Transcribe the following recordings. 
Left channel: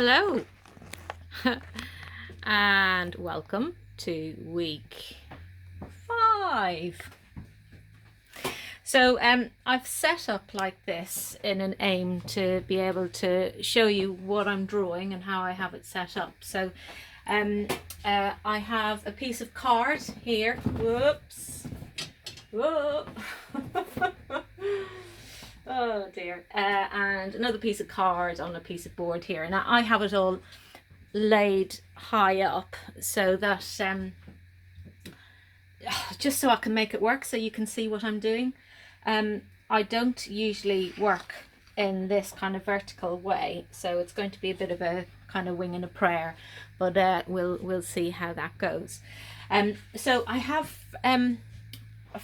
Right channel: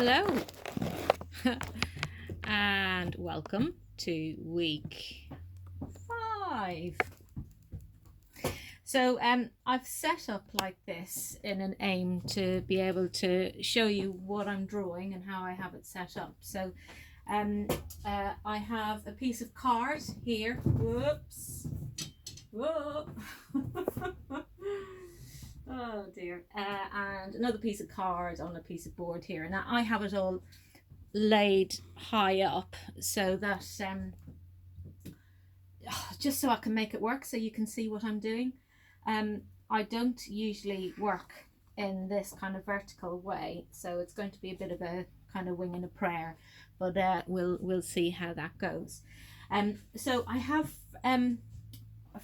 Hello and welcome to week 5. So I've set up like this in an aim to be able to show you what I'm drawing and how I have it set up. So I have a piece of card here. Whoops. Whoa. Oh dear. And another piece of card on a piece of board here. Now I have it all laid high up so that just so I can make it work, so you can see what I'm doing. I don't usually work in this kind of vertical way, so it's going to be a bit of a kind of wing and a prayer, but we'll see how that goes. So I have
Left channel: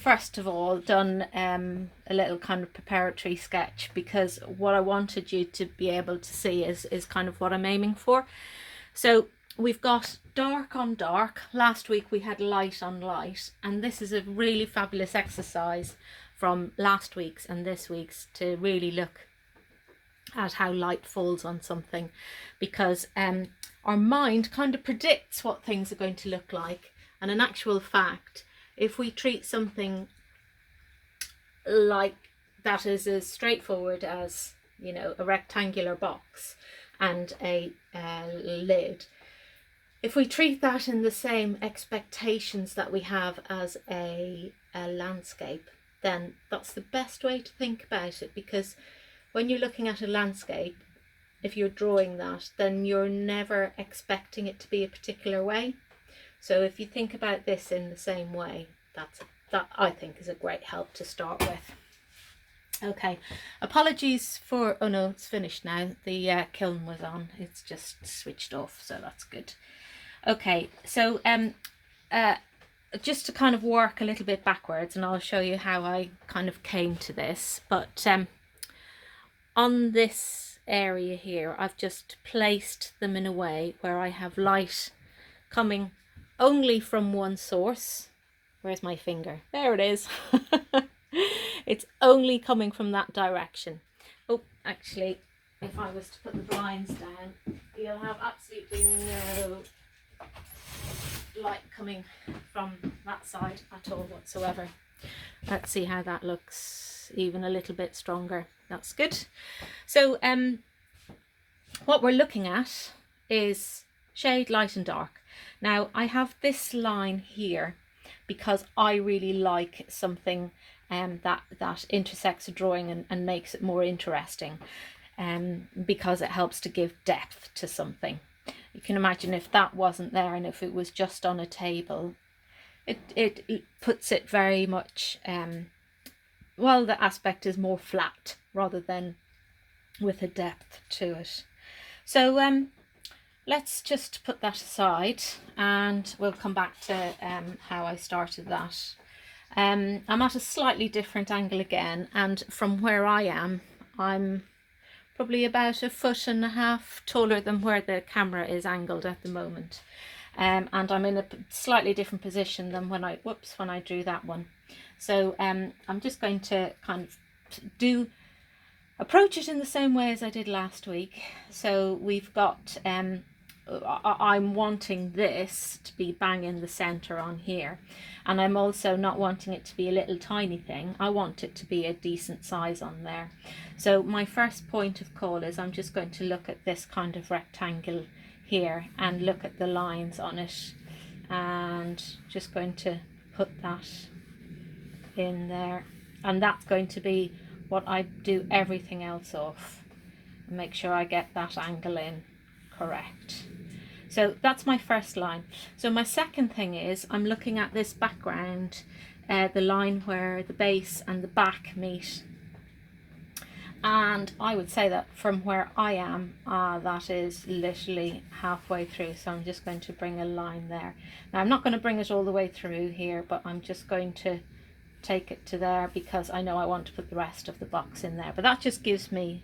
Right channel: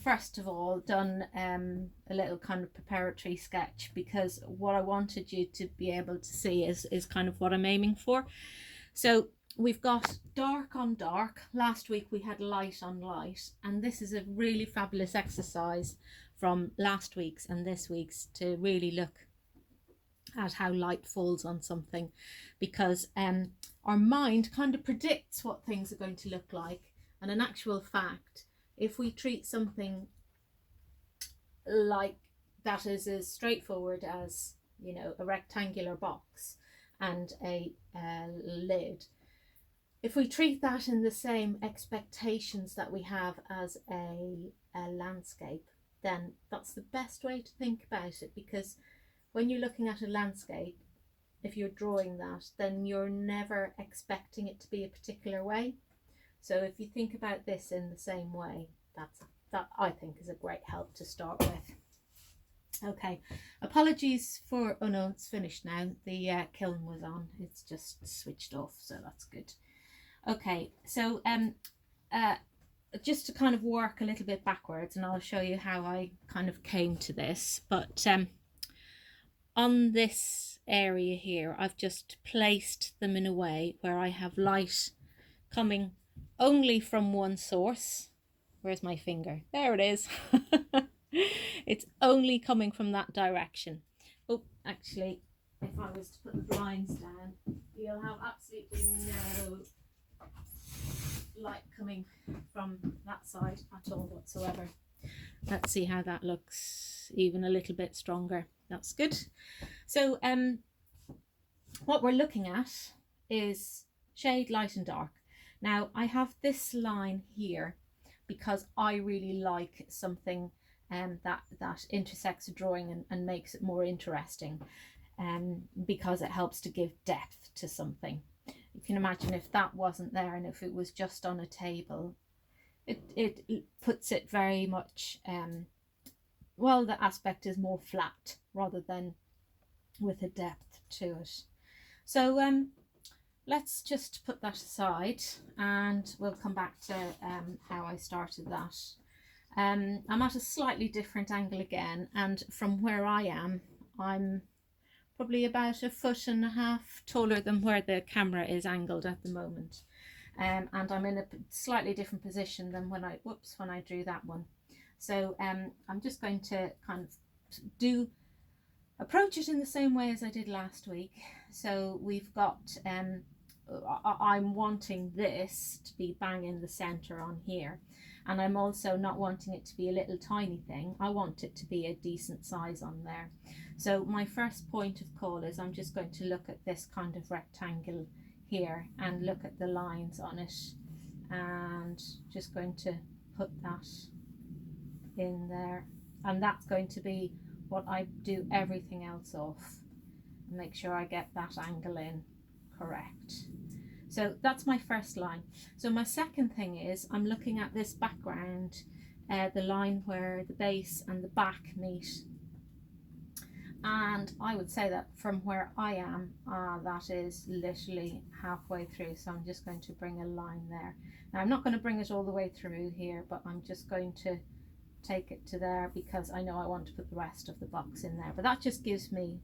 first of all done a little kind of preparatory sketch, because what I wanted you to be able to see is kind of what I'm aiming for. So we've got dark on dark. Last week we had light on light, and this is a really fabulous exercise from last week's and this week's to really look at how light falls on something, because our mind kind of predicts what things are going to look like. And in actual fact, if we treat something like that is as straightforward as, you know, a rectangular box and a lid, if we treat that in the same expectations that we have as a landscape, then that's the best way to think about it. Because when you're looking at a landscape, if you're drawing that, then you're never expecting it to be a particular way. So if you think about this in the same way, that I think is a great help to start with. Okay, apologies for, oh no, it's finished now. The kiln was on, it's just switched off, so that's good. Okay, so just to kind of work a little bit backwards, and I'll show you how I kind of came to this. But on this area here, I've just placed them in a way where I have light coming only from one source. Where's my finger? There it is. It's only coming from that direction. Oh, actually, if I was to put the blinds down, you'll have absolutely no light coming from that side at all whatsoever. Let's see how that looks, even a little bit stronger. That's good. So what we're looking at is shade, light and dark. Now I have this line here because I really like something that intersects a drawing and makes it more interesting, because it helps to give depth to something. You can imagine if that wasn't there and if it was just on a table, it puts it very much, well, the aspect is more flat rather than with a depth to it. So let's just put that aside and we'll come back to how I started that. I'm at a slightly different angle again, and from where I am, I'm probably about 1.5 feet taller than where the camera is angled at the moment. And I'm in a slightly different position than when I drew that one. So I'm just going to kind of approach it in the same way as I did last week. So we've got, I'm wanting this to be bang in the center on here. And I'm also not wanting it to be a little tiny thing. I want it to be a decent size on there. So my first point of call is I'm just going to look at this kind of rectangle here and look at the lines on it, and just going to put that in there. And that's going to be what I do everything else off. Make sure I get that angle in correct. So that's my first line. So my second thing is I'm looking at this background, the line where the base and the back meet. And I would say that from where I am, that is literally halfway through. So I'm just going to bring a line there. Now I'm not going to bring it all the way through here, but I'm just going to take it to there because I know I want to put the rest of the box in there. But that just gives me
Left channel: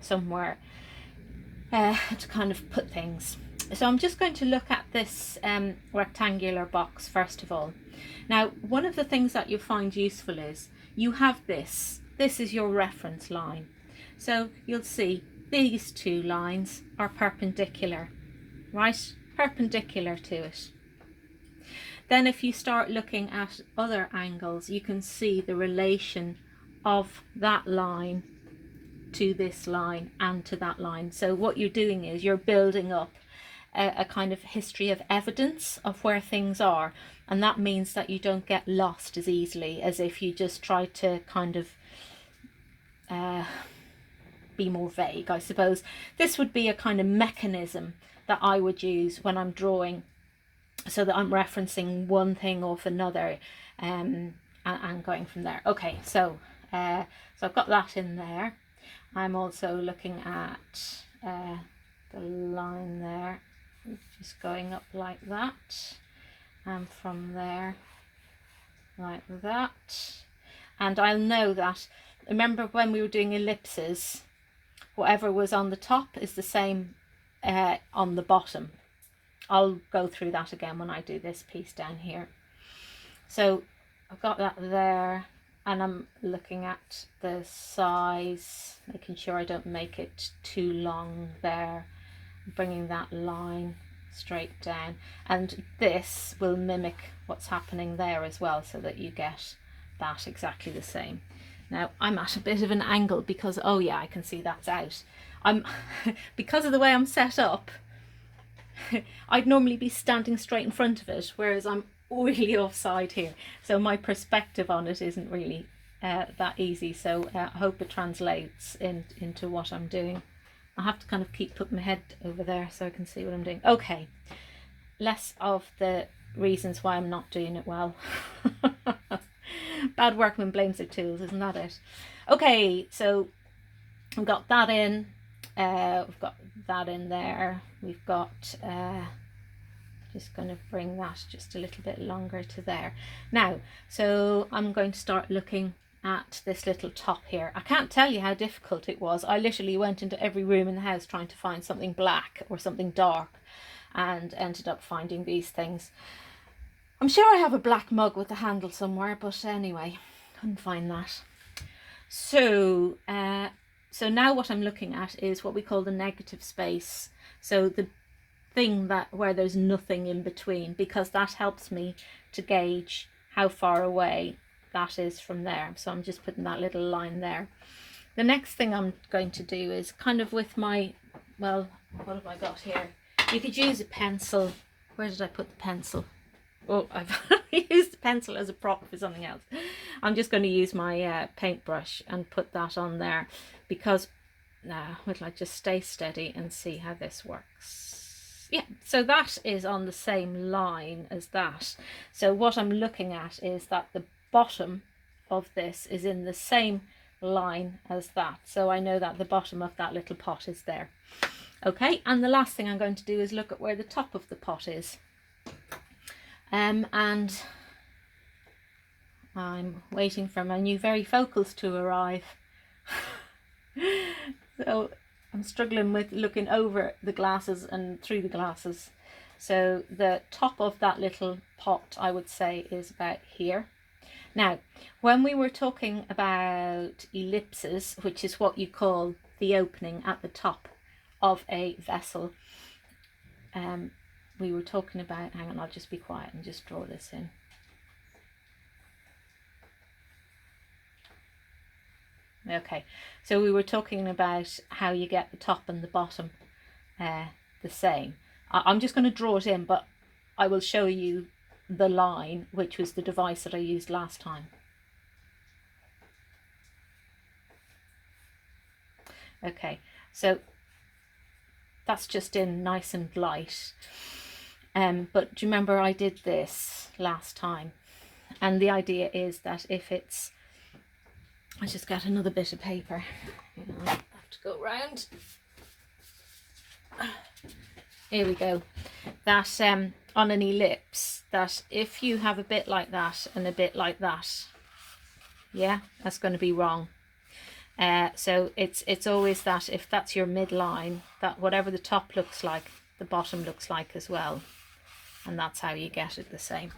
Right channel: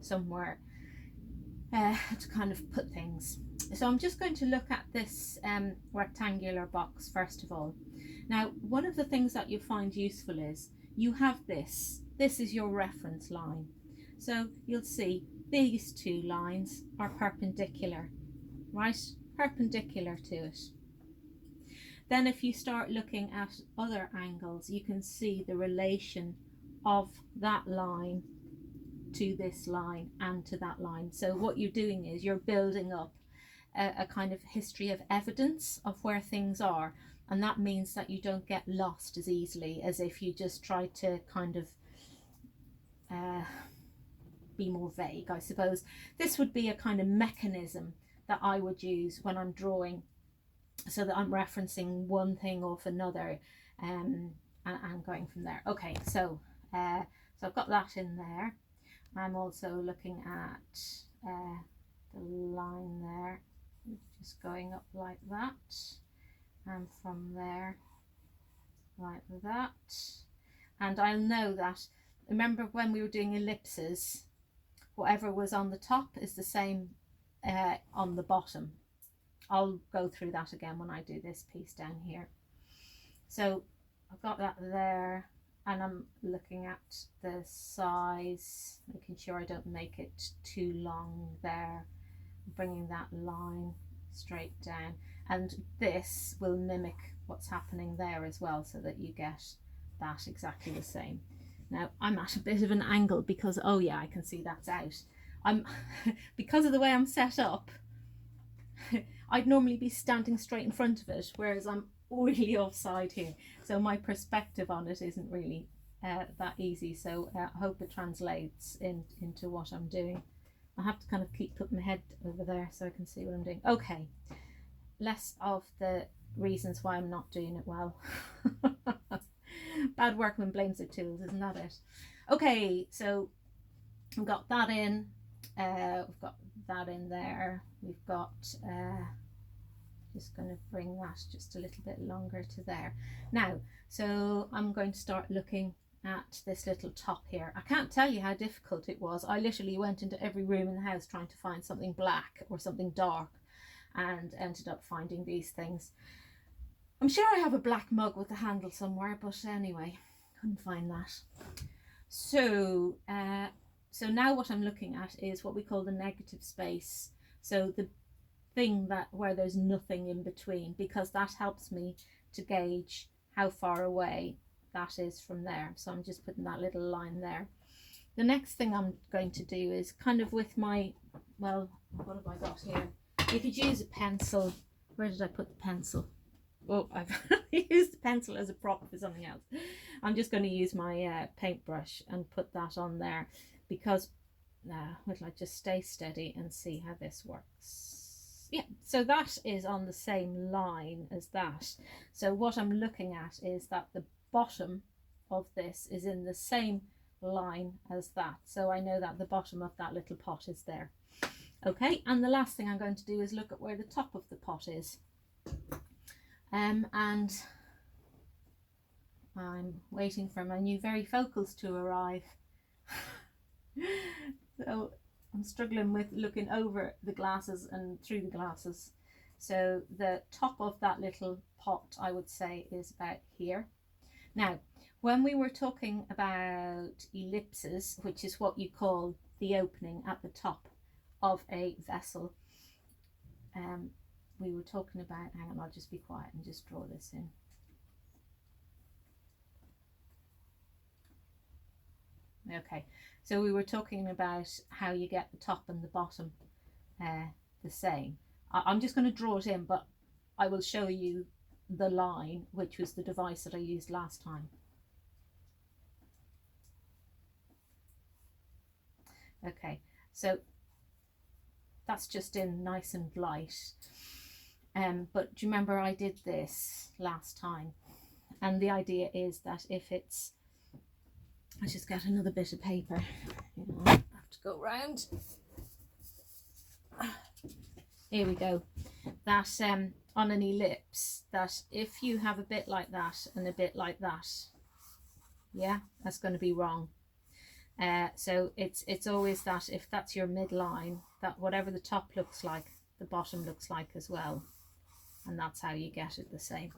somewhere to kind of put things. So I'm just going to look at this rectangular box first of all. Now, one of the things that you'll find useful is you have this is your reference line. So you'll see these two lines are perpendicular, right? Perpendicular to it. Then if you start looking at other angles, you can see the relation of that line to this line and to that line. So what you're doing is you're building up a kind of history of evidence of where things are, and that means that you don't get lost as easily as if you just try to kind of be more vague, I suppose. This would be a kind of mechanism that I would use when I'm drawing, so that I'm referencing one thing off another, and going from there. Okay, so I've got that in there. I'm also looking at the line there, just going up like that, and from there like that. And I'll know that, remember when we were doing ellipses, whatever was on the top is the same on the bottom. I'll go through that again when I do this piece down here. So I've got that there, and I'm looking at the size, making sure I don't make it too long there, bringing that line straight down, and this will mimic what's happening there as well, so that you get that exactly the same. Now I'm at a bit of an angle because, oh yeah, I can see that's out. I'm because of the way I'm set up, I'd normally be standing straight in front of it, whereas I'm really offside here, so my perspective on it isn't really that easy. So I hope it translates into what I'm doing. I have to kind of keep putting my head over there so I can see what I'm doing. Okay, less of the reasons why I'm not doing it well. Bad workman blames their tools, isn't that it? Okay, so we've got that in, we've got that in there, we've got just going to bring that just a little bit longer to there. Now, so I'm going to start looking at this little top here. I can't tell you how difficult it was. I literally went into every room in the house trying to find something black or something dark, and ended up finding these things. I'm sure I have a black mug with a handle somewhere, but anyway, couldn't find that. So so now what I'm looking at is what we call the negative space. So the thing that where there's nothing in between, because that helps me to gauge how far away that is from there. So I'm just putting that little line there. The next thing I'm going to do is kind of with my, well, what have I got here? You could use a pencil. Where did I put the pencil? Oh, I've used the pencil as a prop for something else. I'm just going to use my paintbrush and put that on there, because now would I just stay steady and see how this works. Yeah, so that is on the same line as that. So what I'm looking at is that the bottom of this is in the same line as that. So I know that the bottom of that little pot is there. Okay, and the last thing I'm going to do is look at where the top of the pot is. And I'm waiting for my new varifocals to arrive. So I'm struggling with looking over the glasses and through the glasses. So the top of that little pot, I would say, is about here. Now, when we were talking about ellipses, which is what you call the opening at the top of a vessel, we were talking about, hang on, I'll just be quiet and just draw this in. Okay, so we were talking about how you get the top and the bottom the same. I'm just going to draw it in, but I will show you the line, which was the device that I used last time. Okay, so that's just in nice and light. But do you remember I did this last time? And the idea is that if it's, I just got another bit of paper. I have to go round. Here we go. That on an ellipse, that if you have a bit like that and a bit like that, yeah, that's going to be wrong. So it's always that if that's your midline, that whatever the top looks like, the bottom looks like as well. And that's how you get it the same.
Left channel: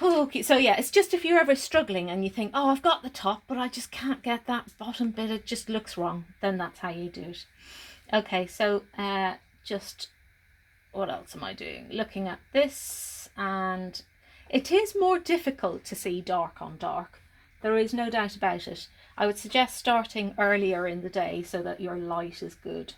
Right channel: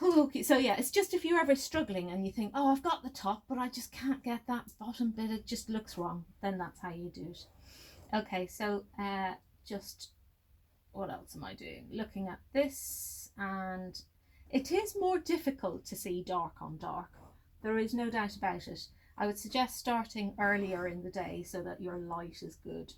Okay, so yeah, it's just if you're ever struggling and you think, oh, I've got the top, but I just can't get that bottom bit, it just looks wrong, then that's how you do it. Okay, so just what else am I doing? Looking at this, and it is more difficult to see dark on dark. There is no doubt about it. I would suggest starting earlier in the day so that your light is good.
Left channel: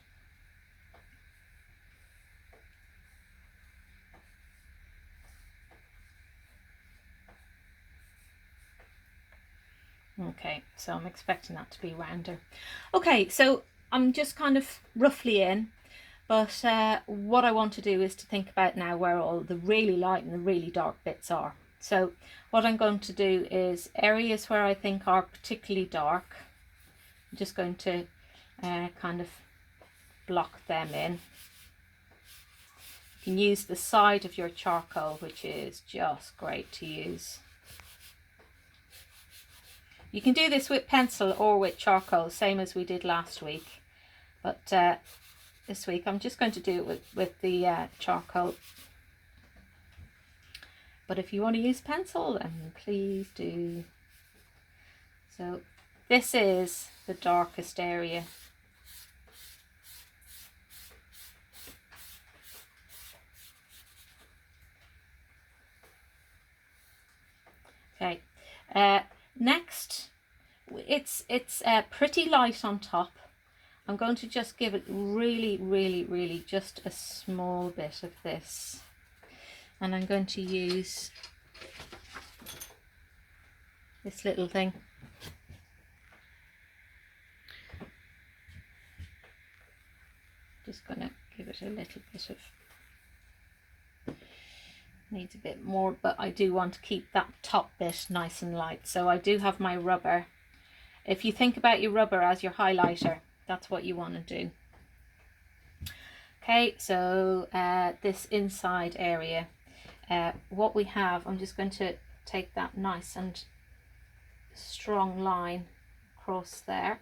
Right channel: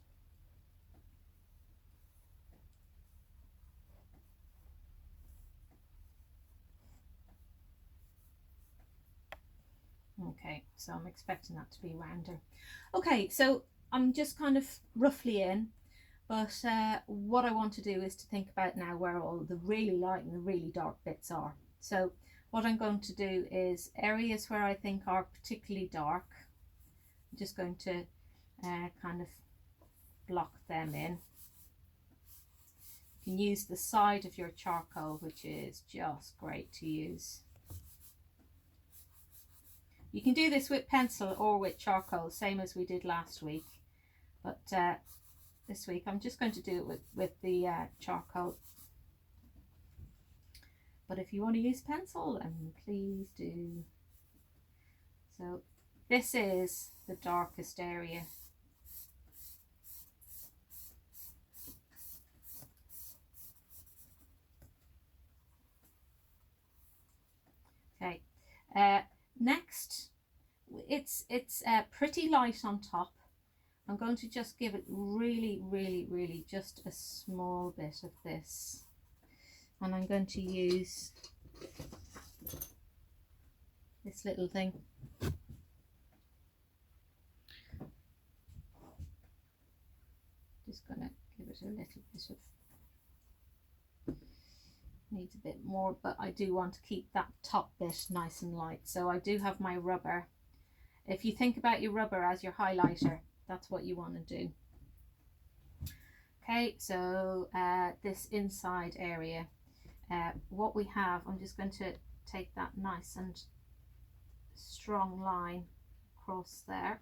Okay, so I'm expecting that to be rounder. Okay, so I'm just kind of roughly in, but what I want to do is to think about now where all the really light and the really dark bits are. So what I'm going to do is areas where I think are particularly dark, I'm just going to kind of block them in. You can use the side of your charcoal, which is just great to use. You can do this with pencil or with charcoal, same as we did last week. But this week I'm just going to do it with the charcoal. But if you want to use pencil, then please do. So this is the darkest area. Okay. Next, it's pretty light on top. I'm going to just give it really just a small bit of this, and I'm going to use this little thing. Just going to give it a little bit of, needs a bit more, but I do want to keep that top bit nice and light. So I do have my rubber. If you think about your rubber as your highlighter, that's what you want to do. Okay, so this inside area, what we have, I'm just going to take that nice and strong line across there.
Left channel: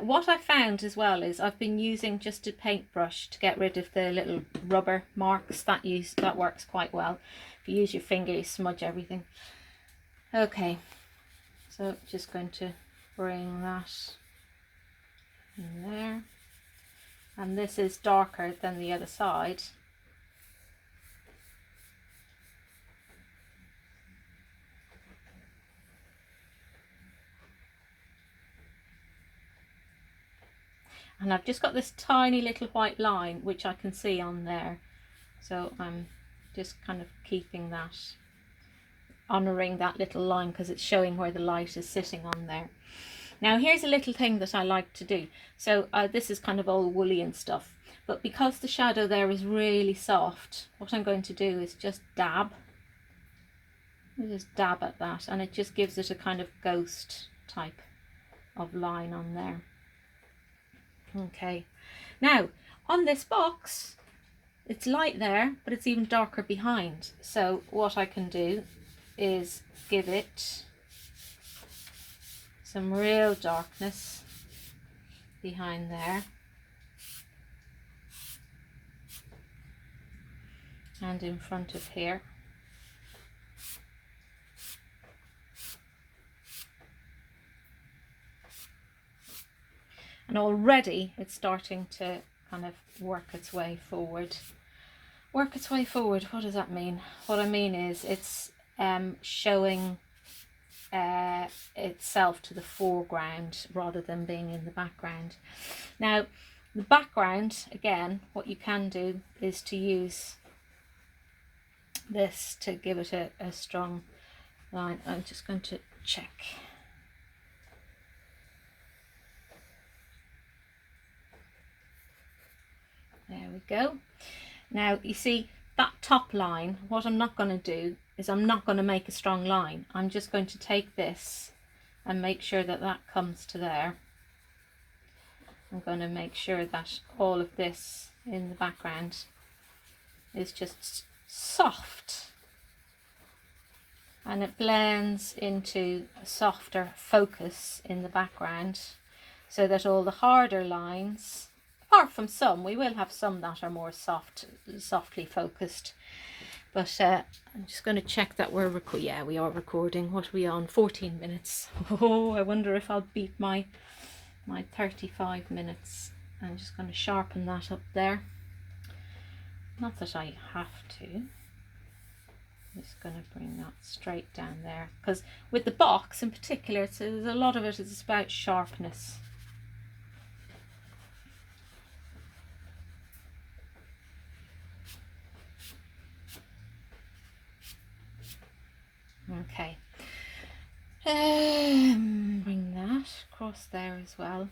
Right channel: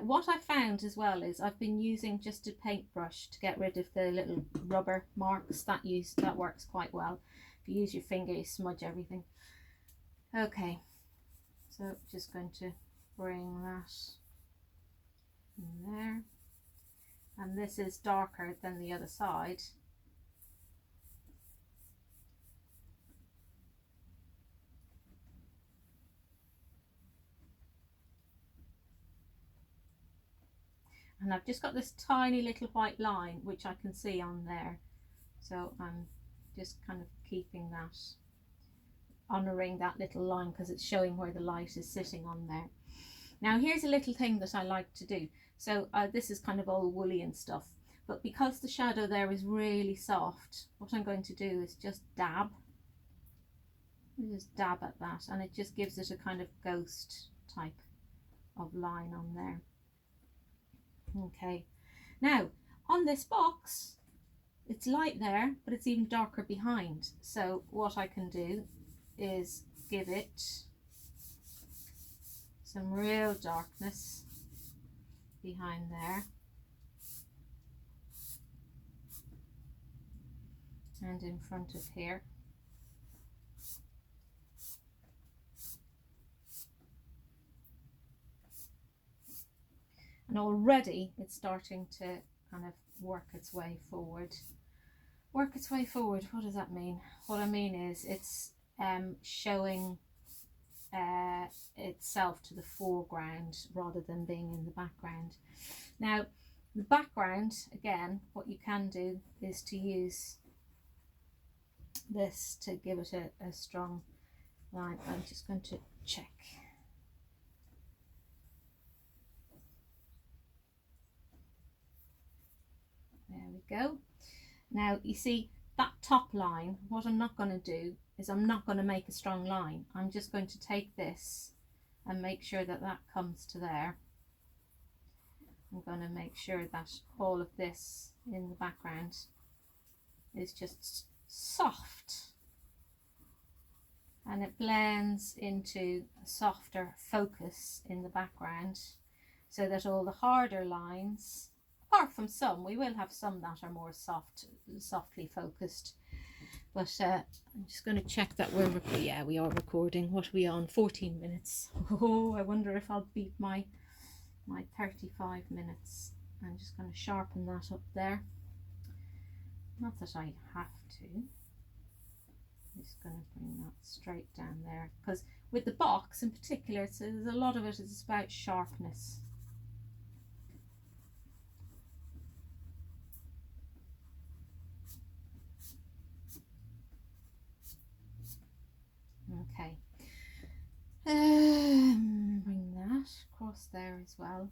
What I found as well is I've been using just a paintbrush to get rid of the little rubber marks. That works quite well. If you use your finger, you smudge everything. Okay, so just going to bring that in there, and this is darker than the other side. And I've just got this tiny little white line which I can see on there, so I'm just kind of keeping that, honouring that little line because it's showing where the light is sitting on there. Now here's a little thing that I like to do. So this is kind of all woolly and stuff, but because the shadow there is really soft, what I'm going to do is just dab. Just dab at that, and it just gives it a kind of ghost type of line on there. Okay, now on this box it's light there, but it's even darker behind. So what I can do is give it some real darkness behind there, and in front of here. And already it's starting to kind of work its way forward. Work its way forward, what does that mean? What I mean is it's showing itself to the foreground rather than being in the background. Now the background, again, what you can do is to use this to give it a strong line. I'm just going to check. There we go. Now you see that top line, what I'm not going to do is I'm not going to make a strong line. I'm just going to take this and make sure that that comes to there. I'm going to make sure that all of this in the background is just soft, and it blends into a softer focus in the background, so that all the harder lines, apart from some, we will have some that are more softly focused, But I'm just going to check that we're recording. Yeah, we are recording. What are we on? 14 minutes. Oh, I wonder if I'll beat my 35 minutes. I'm just going to sharpen that up there. Not that I have to. I'm just going to bring that straight down there, because with the box in particular, there's a lot of it is about sharpness. Okay, bring that across there as well,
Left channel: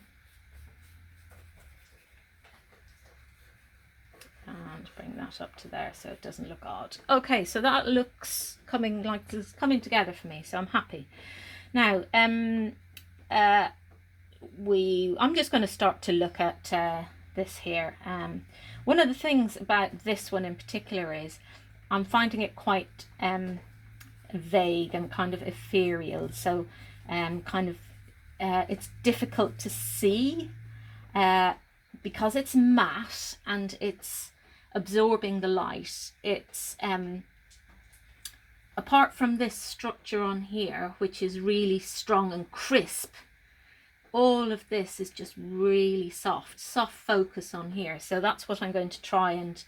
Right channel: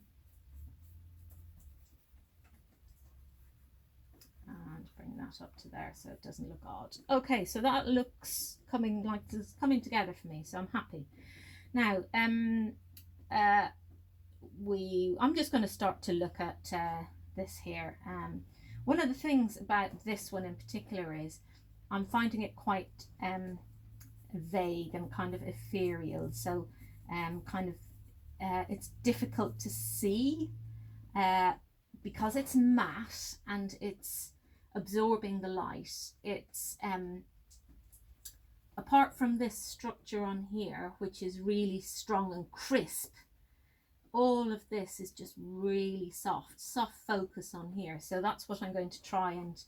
and bring that up to there so it doesn't look odd. Okay, so that looks coming together for me, so I'm happy. Now I'm just going to start to look at this here. One of the things about this one in particular is I'm finding it quite vague and kind of ethereal, so it's difficult to see because it's matte and it's absorbing the light. It's apart from this structure on here, which is really strong and crisp, all of this is just really soft focus on here. So that's what I'm going to try and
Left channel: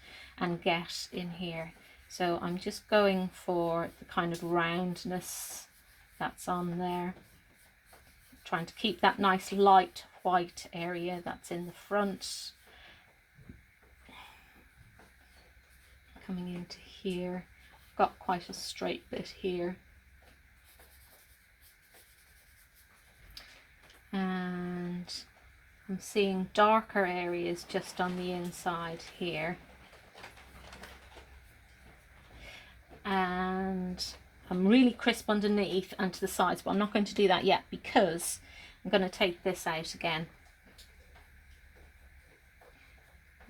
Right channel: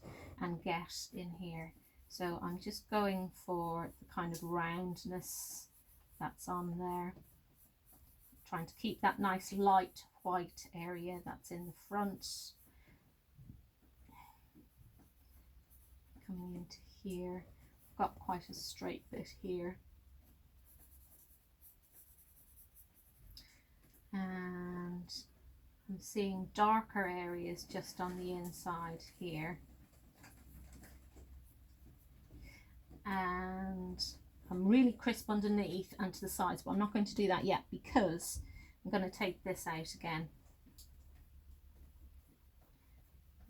get in here. So I'm just going for the kind of roundness that's on there, trying to keep that nice light white area that's in the front. Coming into here, got quite a straight bit here. And I'm seeing darker areas just on the inside here. And I'm really crisp underneath and to the sides, but I'm not going to do that yet because I'm going to take this out again.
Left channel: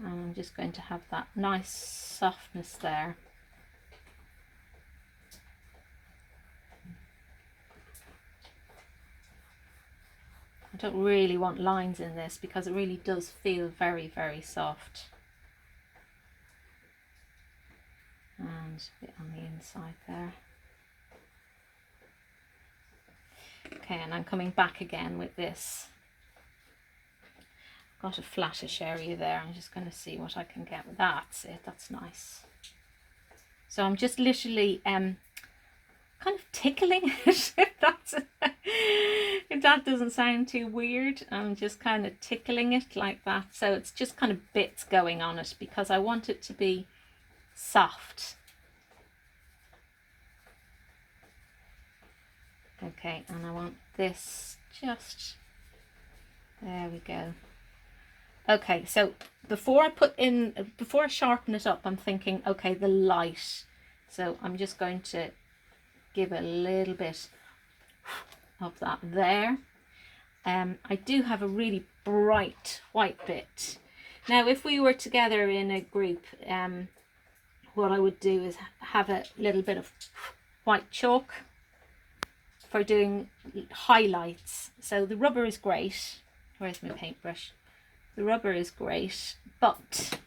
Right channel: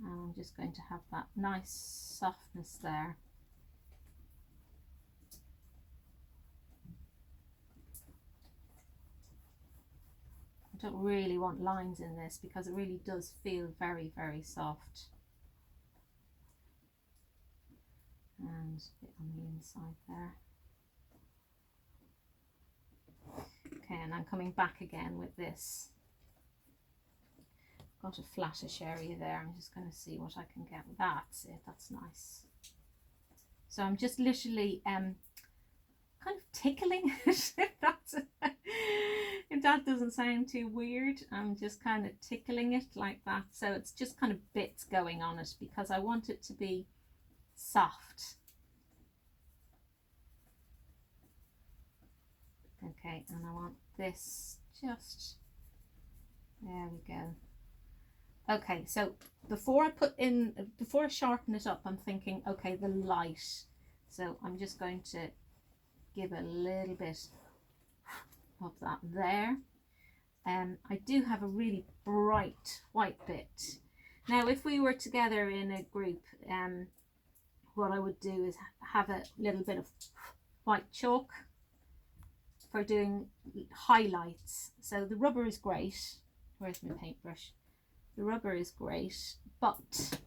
And I'm just going to have that nice softness there. I don't really want lines in this because it really does feel very, very soft. And a bit on the inside there. Okay, and I'm coming back again with this. Got a flattish area there. I'm just going to see what I can get with that. That's it. That's nice. So I'm just literally kind of tickling it. If that doesn't sound too weird, I'm just kind of tickling it like that. So it's just kind of bits going on it because I want it to be soft. Okay, and I want this just, there we go. Okay, so before I sharpen it up, I'm thinking, okay, the light. So I'm just going to give a little bit of that there. I do have a really bright white bit. Now, if we were together in a group, what I would do is have a little bit of white chalk for doing highlights. So the rubber is great. Where's my paintbrush? The rubber is great, but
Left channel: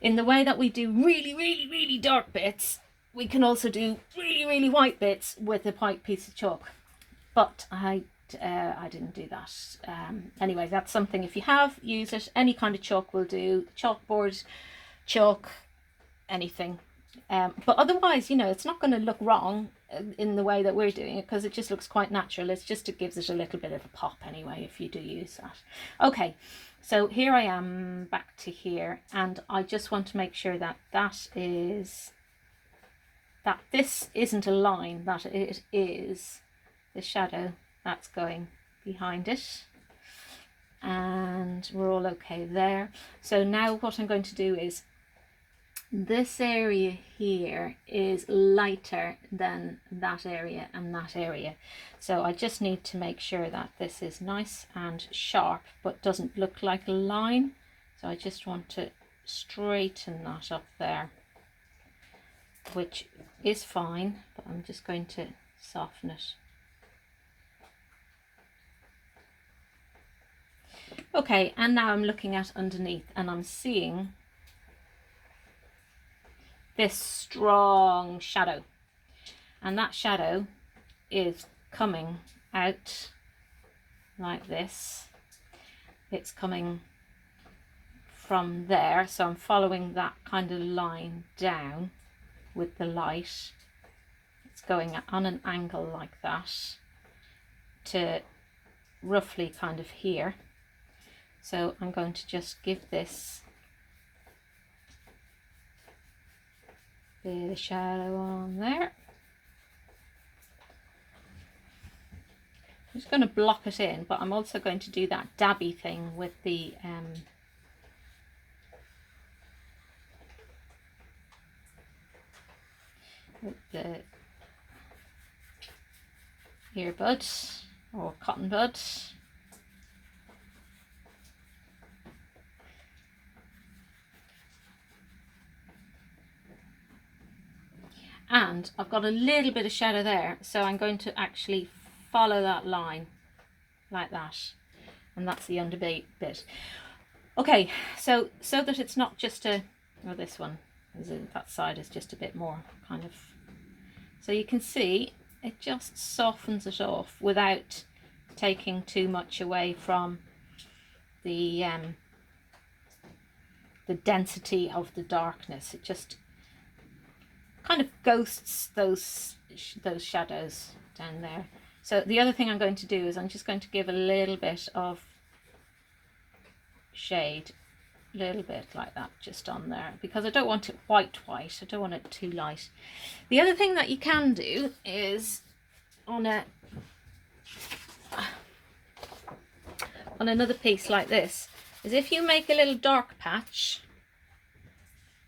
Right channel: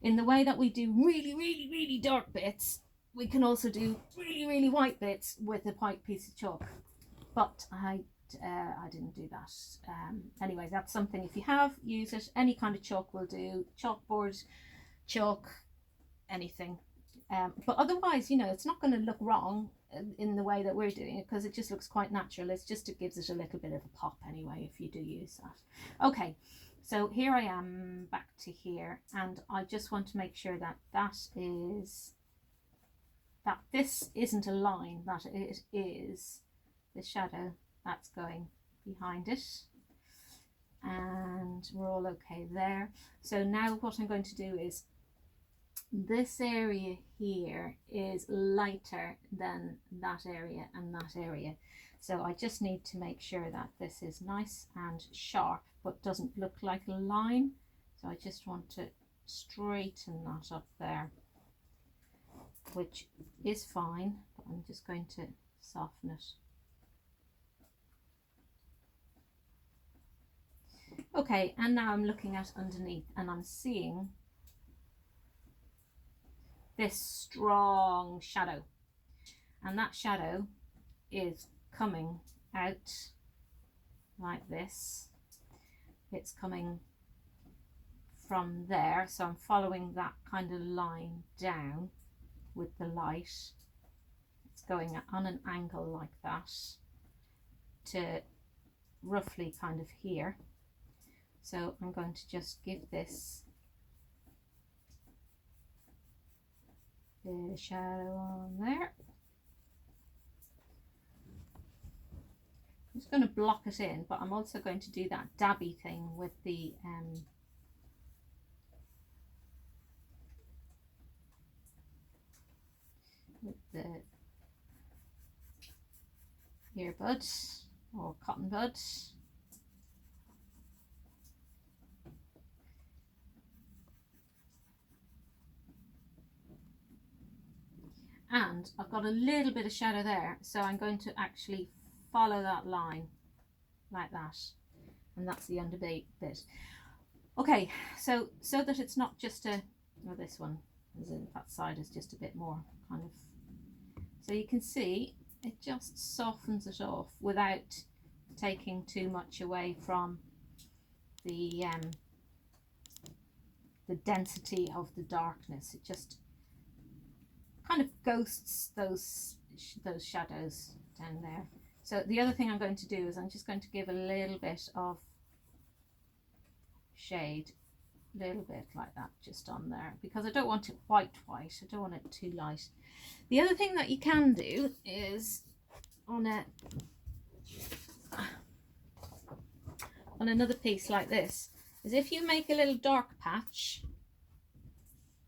in the way that we do really, really, really dark bits, we can also do really, really white bits with a white piece of chalk. But I didn't do that. Anyway, that's something, if you have, use it. Any kind of chalk will do. Chalkboard, chalk, anything. But otherwise, you know, it's not going to look wrong in the way that we're doing it because it just looks quite natural. It's just, it gives it a little bit of a pop anyway if you do use that. Okay, so here I am back to here, and I just want to make sure that this isn't a line, that it is the shadow that's going behind it, and we're all okay there. So now what I'm going to do is, this area here is lighter than that area and that area, so I just need to make sure that this is nice and sharp but doesn't look like a line. So I just want to straighten that up there, which is fine, but I'm just going to soften it. Okay, and now I'm looking at underneath and I'm seeing this strong shadow, and that shadow is coming out like this. It's coming from there, so I'm following that kind of line down with the light. It's going on an angle like that to roughly kind of here. So I'm going to just give this bit of shadow on there. I'm just going to block it in, but I'm also going to do that dabby thing with the earbud or cotton bud. And I've got a little bit of shadow there, so I'm going to actually follow that line like that, and that's the underbit bit. Okay, so that it's not just a, well, this one is that side is just a bit more kind of, so you can see it just softens it off without taking too much away from the density of the darkness. It just kind of ghosts those shadows down there. So the other thing I'm going to do is I'm just going to give a little bit of shade, a little bit like that, just on there, because I don't want it white. I don't want it too light. The other thing that you can do is on another piece like this, is if you make a little dark patch,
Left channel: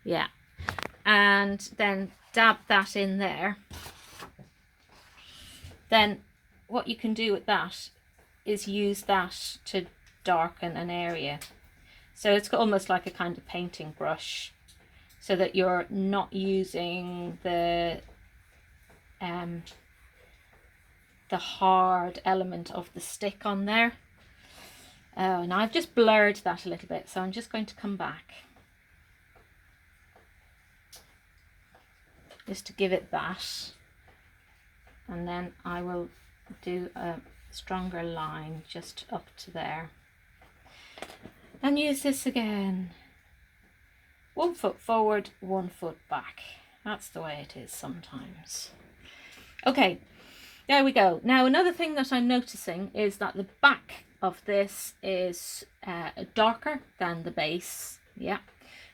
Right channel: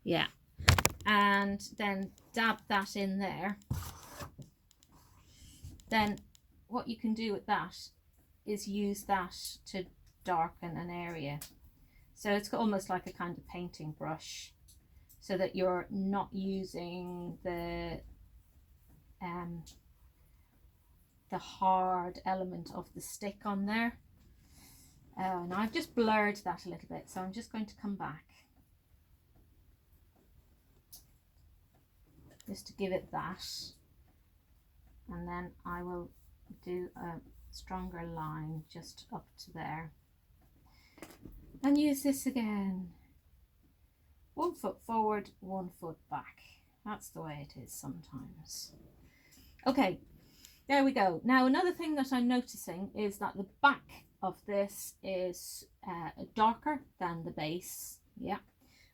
yeah, and then dab that in there, then what you can do with that is use that to darken an area. So it's almost like a kind of painting brush, so that you're not using the hard element of the stick on there. Oh, and I've just blurred that a little bit, so I'm just going to come back just to give it that, and then I will do a stronger line just up to there and use this again. 1 foot forward, 1 foot back. That's the way it is sometimes. Okay, there we go. Now another thing that I'm noticing is that the back of this is darker than the base. Yeah,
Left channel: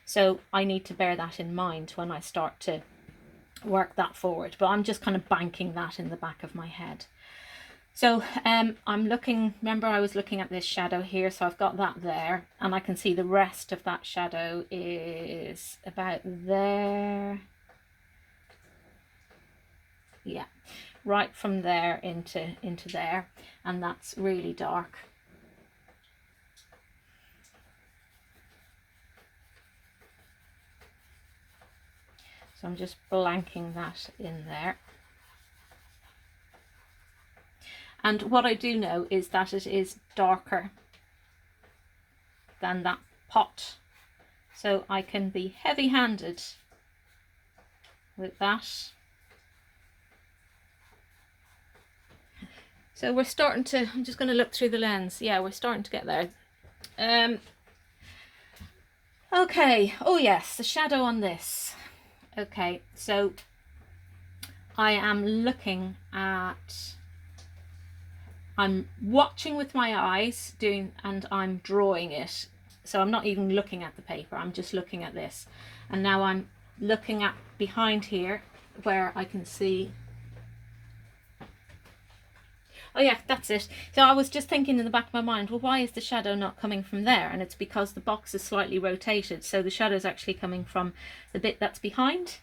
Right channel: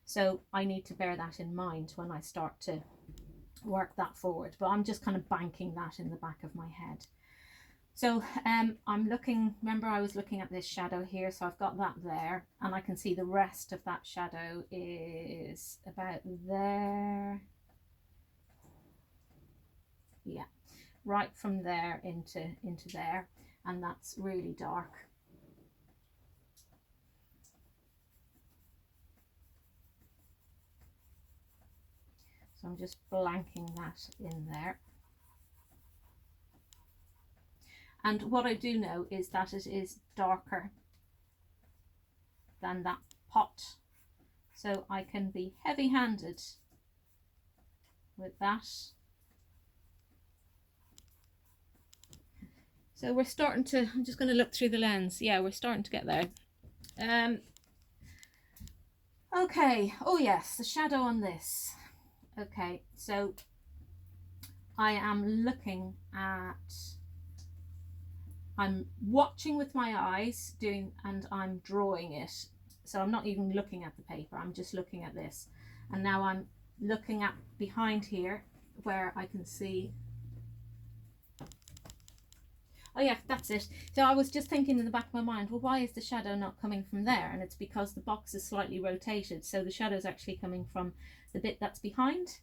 so I need to bear that in mind when I start to work that forward, but I'm just kind of banking that in the back of my head. So I'm looking, remember I was looking at this shadow here, so I've got that there, and I can see the rest of that shadow is about there. Yeah, right from there into there, and that's really dark. So I'm just blanking that in there. And what I do know is that it is darker than that pot. So I can be heavy-handed with that. So we're starting to, I'm just going to look through the lens. Yeah, we're starting to get there. Okay, oh yes, the shadow on this. Okay, so I am looking at, I'm watching with my eyes and I'm drawing it. So I'm not even looking at the paper, I'm just looking at this. And now I'm looking at behind here where I can see, oh yeah, that's it. So I was just thinking in the back of my mind, well, why is the shadow not coming from there? And it's because the box is slightly rotated, so the shadow is actually coming from the bit that's behind.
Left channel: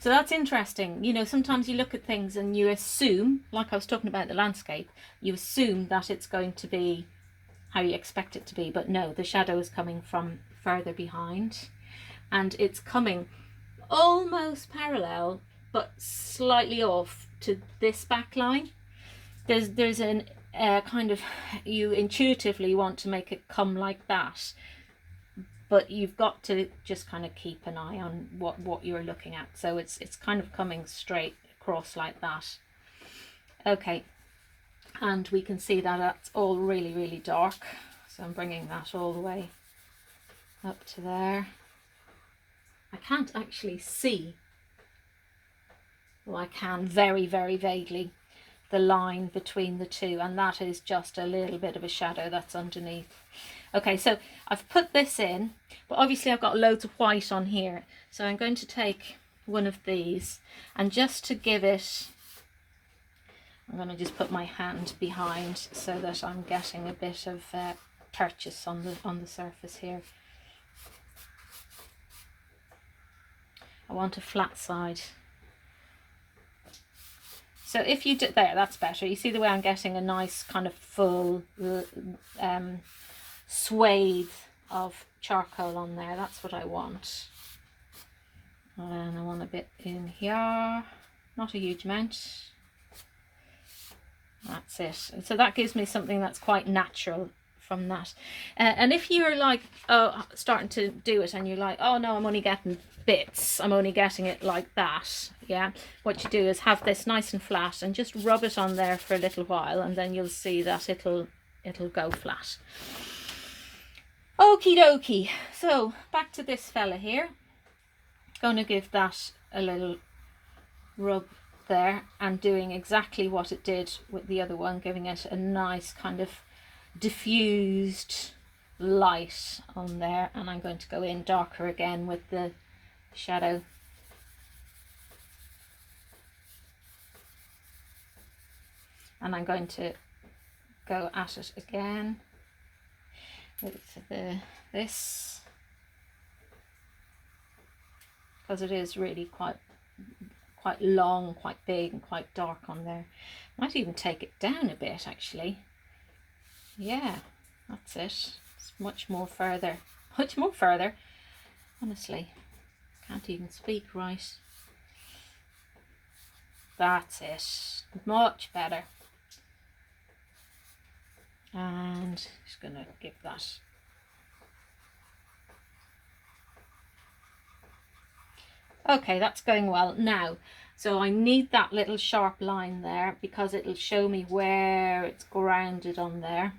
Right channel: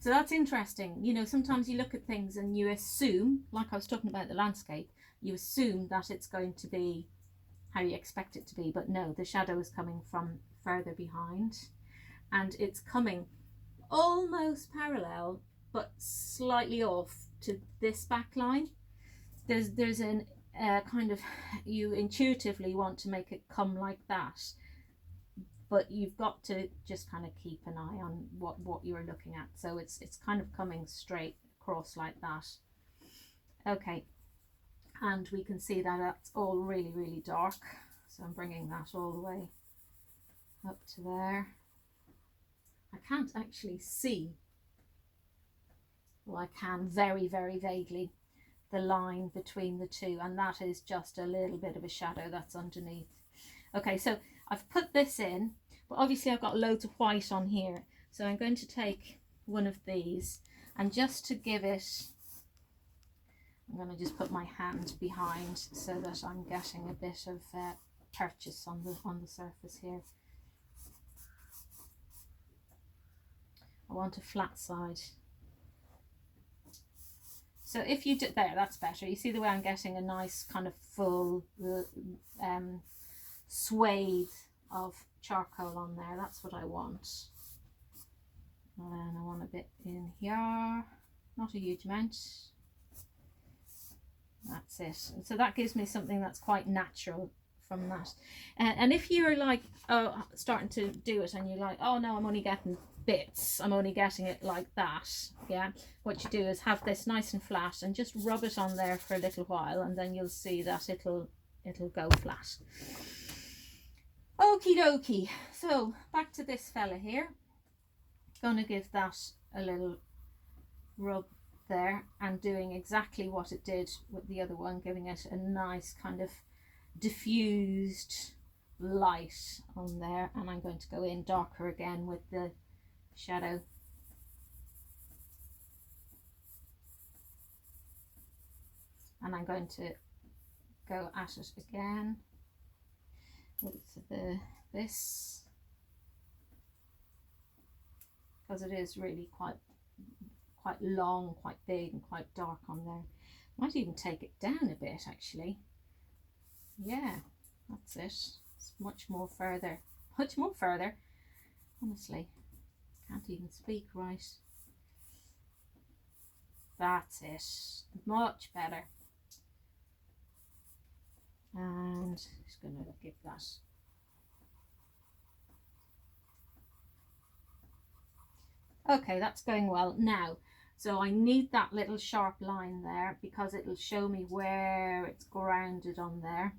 So that's interesting. You know, sometimes you look at things and you assume, like I was talking about the landscape, you assume that it's going to be how you expect it to be, but no, the shadow is coming from further behind, and it's coming almost parallel but slightly off to this back line. There's an kind of, you intuitively want to make it come like that, but you've got to just kind of keep an eye on what you're looking at. So it's kind of coming straight across like that. Okay, and we can see that that's all really, really dark. So I'm bringing that all the way up to there. I can't actually see, well, I can very, very vaguely, the line between the two, and that is just a little bit of a shadow that's underneath. Okay, so I've put this in, but obviously I've got loads of white on here. So I'm going to take one of these, and just to give it, I'm going to just put my hand behind so that I'm getting a bit of purchase on the surface here. I want a flat side. So if you do, there, that's better. You see the way I'm getting a nice kind of full swathe of charcoal on there. That's what I want. And I want a bit in here, not a huge amount. That's it. So that gives me something that's quite natural from that. And if you're like, oh, starting to do it and you're like, oh no, I'm only getting bits, I'm only getting it like that, yeah, what you do is have this nice and flat and just rub it on there for a little while, and then you'll see that it'll go flat. Okie dokie. So back to this fella here. Going to give that a little rub there, and doing exactly what it did with the other one, giving it a nice kind of diffused light on there. And I'm going to go in darker again with the shadow. And I'm going to go at it again with this, because it is really quite long, quite big and quite dark on there. Might even take it down a bit actually. Yeah, that's it. It's much more further, honestly. Can't even speak right. That's it. Much better. And just going to give that. Okay, that's going well. Now, so I need that little sharp line there because it'll show me where it's grounded on there.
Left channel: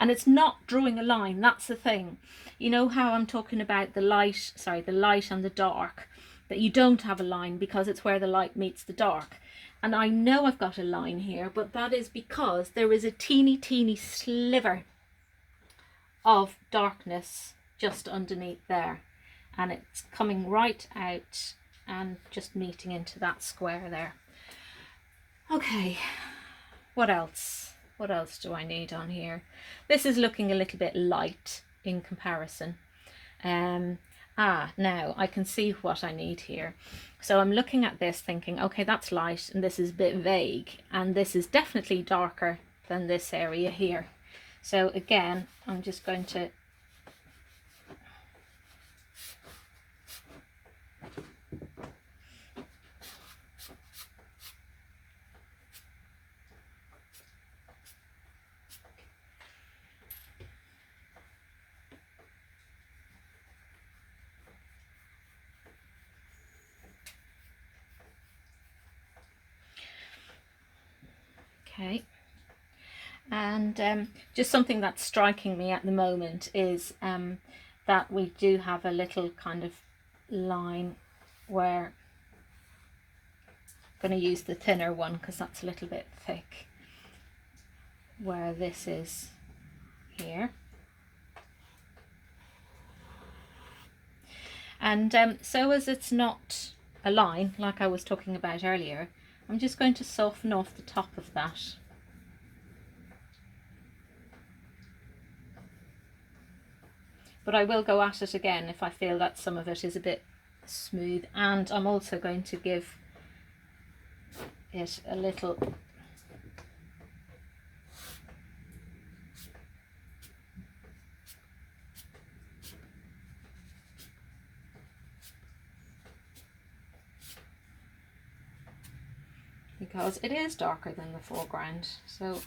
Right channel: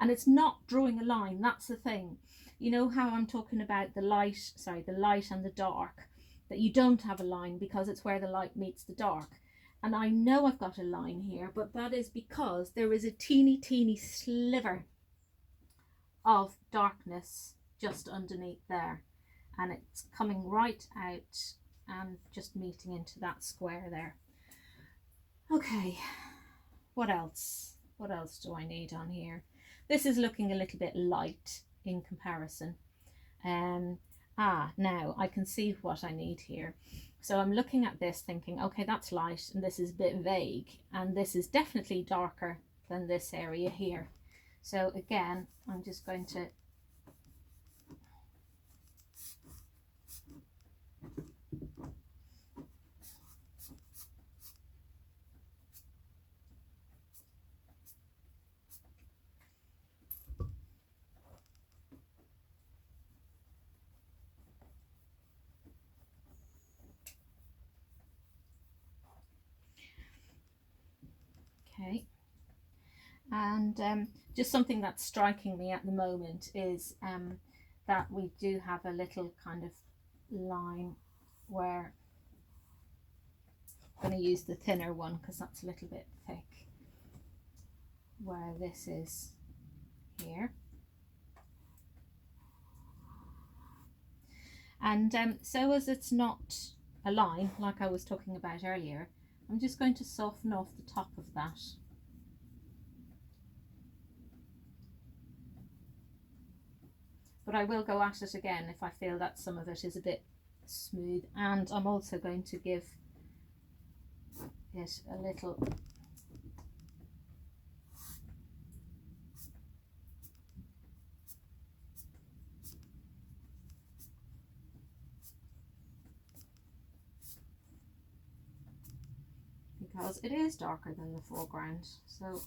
And it's not drawing a line, that's the thing. You know how I'm talking about the light and the dark, that you don't have a line because it's where the light meets the dark. And I know I've got a line here, but that is because there is a teeny sliver of darkness just underneath there. And it's coming right out and just meeting into that square there. Okay, what else? What else do I need on here? This is looking a little bit light in comparison. Now I can see what I need here. So I'm looking at this thinking, okay, that's light and this is a bit vague, and this is definitely darker than this area here. So again, I'm just going to okay. And just something that's striking me at the moment is that we do have a little kind of line where I'm going to use the thinner one because that's a little bit thick, where this is here. And so as it's not a line like I was talking about earlier, I'm just going to soften off the top of that. But I will go at it again if I feel that some of it is a bit smooth. And I'm also going to give it a little because it is darker than the foreground. So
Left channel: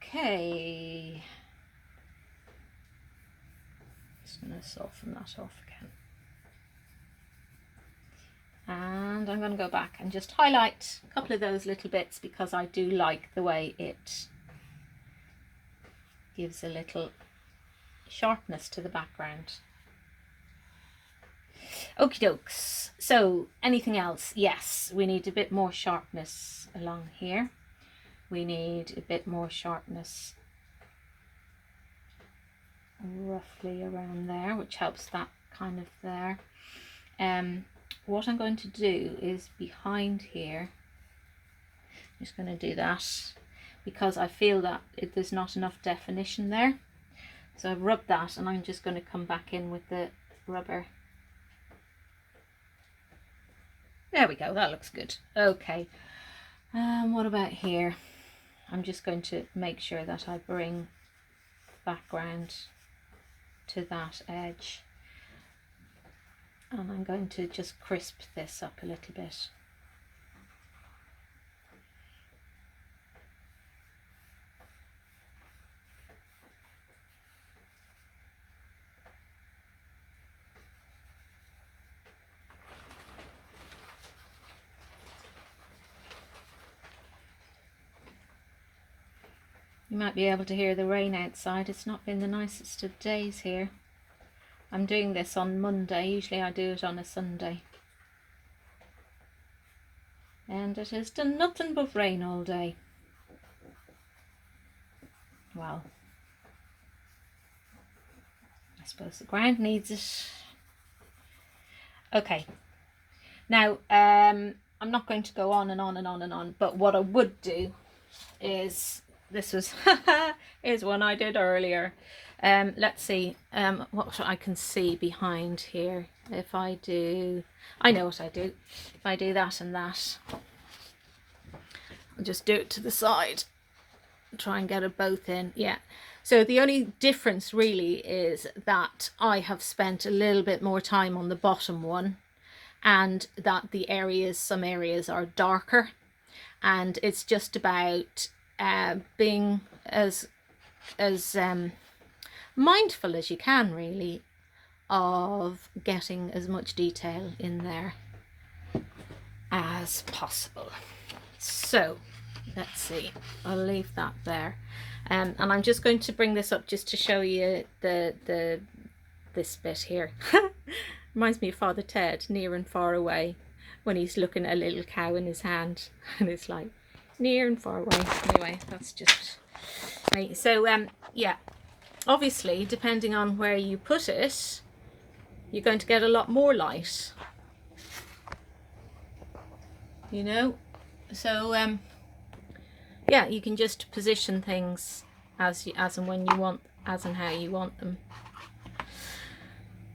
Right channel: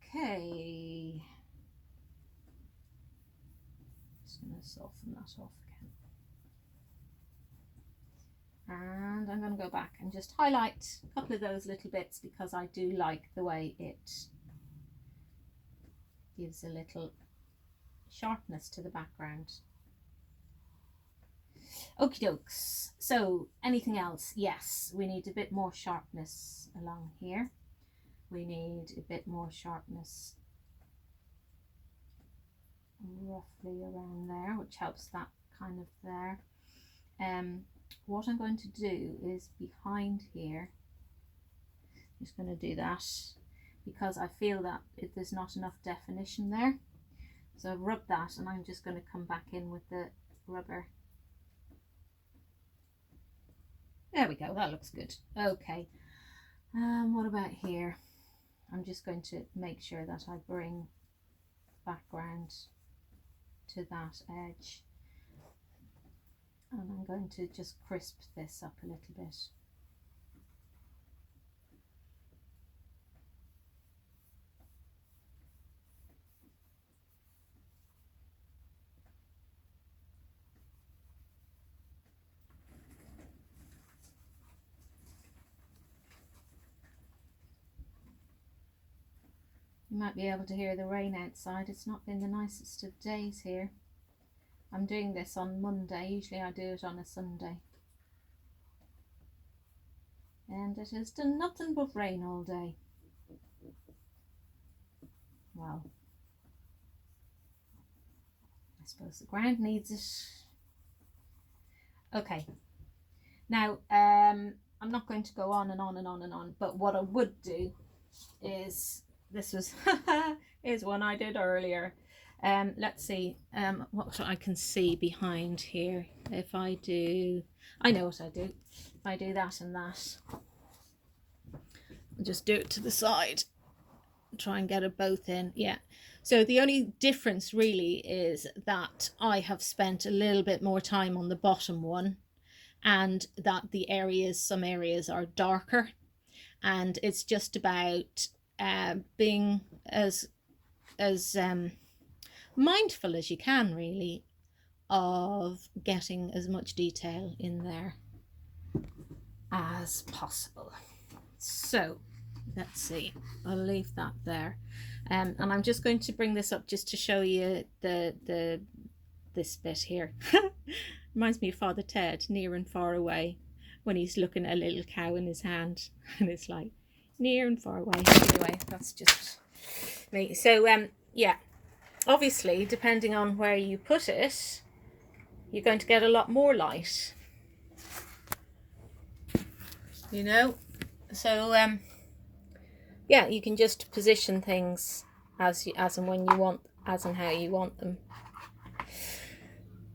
okay, going to soften that off again. And I'm going to go back and just highlight a couple of those little bits because I do like the way it gives a little sharpness to the background. Okie dokes. So anything else? Yes, we need a bit more sharpness along here. We need a bit more sharpness roughly around there, which helps that kind of there. What I'm going to do is behind here, I'm just going to do that because I feel that there's not enough definition there. So I've rubbed that and I'm just going to come back in with the rubber. There we go, that looks good. Okay, what about here? I'm just going to make sure that I bring background to that edge. And I'm going to just crisp this up a little bit. You might be able to hear the rain outside. It's not been the nicest of days here. I'm doing this on Monday. Usually I do it on a Sunday. And it has done nothing but rain all day. Well, I suppose the ground needs it. Okay. Now, I'm not going to go on and on and on and on, but what I would do is, this was, here's one I did earlier. Let's see what I can see behind here. If I do, I know what I do. If I do that and that, I'll just do it to the side. Try and get it both in. Yeah. So the only difference really is that I have spent a little bit more time on the bottom one, and that the areas, some areas are darker, and it's just about being as mindful as you can really of getting as much detail in there as possible. So let's see, I'll leave that there, and I'm just going to bring this up just to show you this bit here. Reminds me of Father Ted, Near and Far Away, when he's looking at a little cow in his hand and it's like near and far away. Anyway, that's just me. So yeah, obviously depending on where you put it, you're going to get a lot more light, you know. So yeah, you can just position things as and when you want, as and how you want them.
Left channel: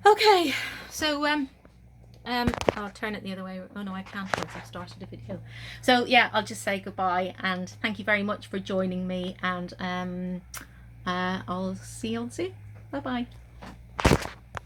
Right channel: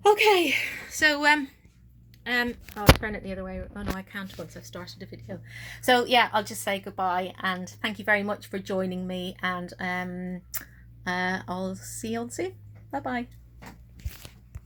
Okay, so I'll turn it the other way. Oh no, I can't once I've started a video. So yeah, I'll just say goodbye and thank you very much for joining me, and I'll see you all soon. Bye bye.